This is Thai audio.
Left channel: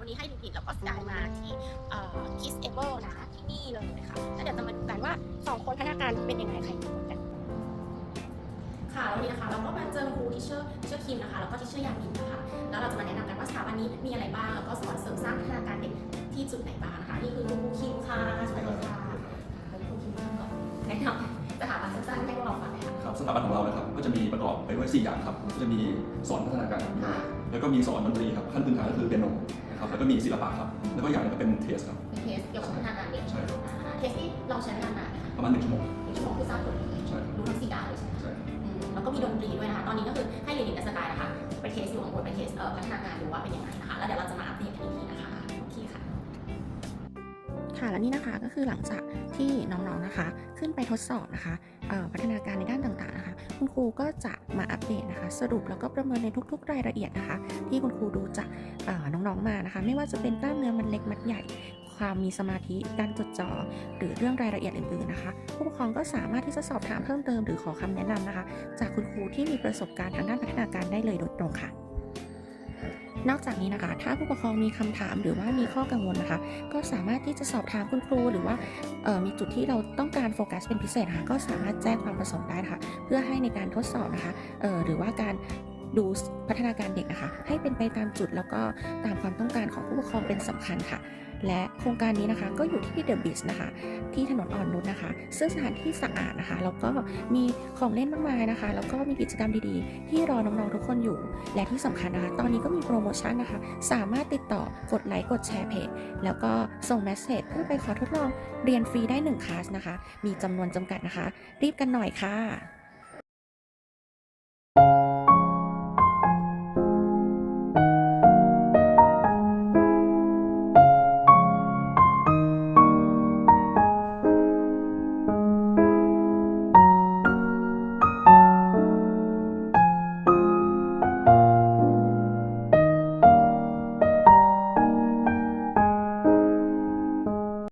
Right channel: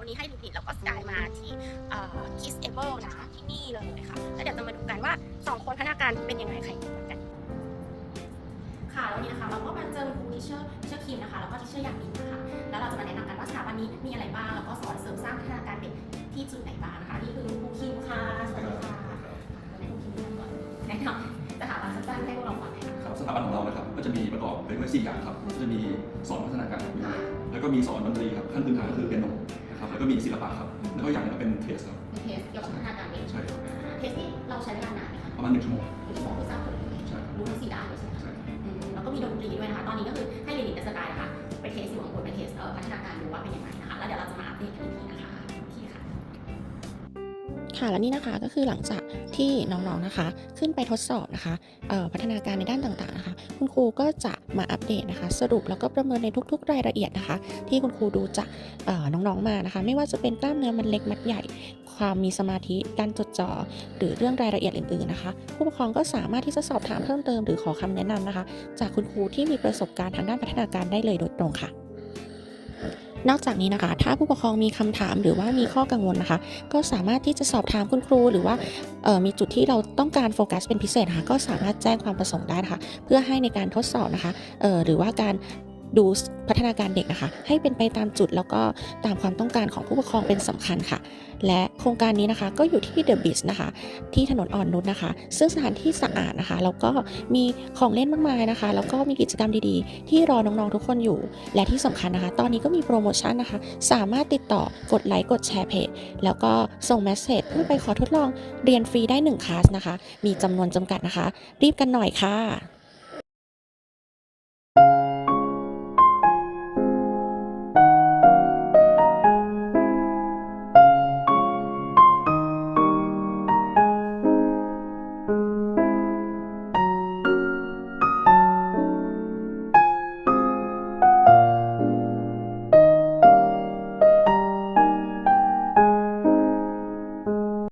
วันนี้ให้ดูกหนิดแล้วก็สกายมาที่คิสเอเบิลนะที่นี่เลยค่ะ แล้วเดี๋ยวจะมาดูกันว่า 2 คนพัฒนาการเป็นยังไงใครดีกว่ากัน ค่ะแล้วนี่นะคะเราก็มาเจอครูทิเชอร์เชอร์คิมนะคะแล้วก็ทิเชอร์ยามินนะคะแล้วเราจะมาแนะนำกันว่าสถาบันนี้มีอะไรบ้างแล้วก็สอนเสริมสร้างพัฒนาการเด็กที่จุดไหนบ้างนะคะนี่คือครูคิมค่ะสวัสดีค่ะครูคิมก่อนแนะนำสถาบันสั้นๆให้พวกเราฟังนะครับสถาบันของเรานะครับก็จะมีประกอบไปด้วย4อย่างครับก็จะมีสอนพัฒนาการแล้วก็มีสอนดนตรีครับขั้นพื้นฐานก็คือเปียโน ครับแล้วก็มีศิลปะครับแล้วก็อย่างหนึงก็เป็นเทสครับเป็นเทสเกี่ยวกับพัฒนาการเด็กใช่ครับอ่าเทสที่เราใช้เวลานานไหมคะประมาณหนึ่งชั่วโมงหนึ่งชั่วโมงคือทราบผลเลยใช่ครับรู้ทั้งสี่ด้านเลยใช่ไหมคะ ใช่ครับอืมแล้วก็มีดนตรีด้วยนะคะ ตอนนี้ก็คือให้เรียนกับสกายนะคะ ไปเทสอยู่ข้างบนไปเทสเอ่อพัฒนาการดูว่าเป็นยังไงนะคะ แล้วเดี๋ยวเราจะมาอัปเดตกันอีกทีนะคะโอเคค่ะ ค่ะและนี่นะคะก็คือหลังจากที่น้องๆนะคะ ขึ้นไปทดสอบนะคะพัฒนาการในด้านต่างๆนะคะ คุณครูก็จะมาอัปเดตนะคะ สรุปแล้วก็ประเมินในทุก ๆ รายละเอียดนะคะ ที่คุณครูดูจากน้องๆมานะคะ ไม่ว่าจะเป็นกล้ามเนื้อมันเล็กมัดใหญ่ ความมีสมาธิการจดจ่อหรือเรื่องรายละเอียดอื่นๆนะคะ ผู้ปกครองก็สามารถที่จะสอบถามเพิ่มเติมหรือขอคำแนะนำนะคะ จากคุณครูที่มีประสบการณ์ทางด้านพัฒนาการได้เลยโดยตรงค่ะ นอกจากนี้นะคะ ถ้าผู้ปกครองมีคำถามหรือว่ามีข้อกังวลนะคะ ก็สามารถที่จะสอบถามคุณครู หรือว่าออมีจุดที่เราต้องการโฟกัสเป็นพิเศษนะคะก็สามารถแจ้งความประสงค์ได้ะคะเพื่อให้ในการทดสอบนะคะออหรือว่าการ ดูพัฒนาการเด็กนะคะ ให้เป็นไปตามจุดแล้วก็ตามความต้องการของผู้ปกครองเป็นสำคัญค่ะ และโครงการนี้นะคะก็อยู่ที่ The b i z นะคะ ที่ถนนอ่อนนุชนะคะ ซึ่งสถานที่สะอาดนะคะแล้วก็มีของเล่นมากมายนะคะ แล้วก็มีกิจกรรมดีๆ ที่รอน้องๆทุกคนอยู่ และที่สำคัญนะคะ ตอนนี้ก็มีโปรโมชั่นนะคะ สามารถติดต่อกดไลค์กดแชร์เพจแล้วก็ส่งเมสเซจเพื่อไปขอทดลองเรียนฟรีได้1คลาสนะคะ มีจำนวนจำกัดนะคะ รีบกันหน่อยค่ะ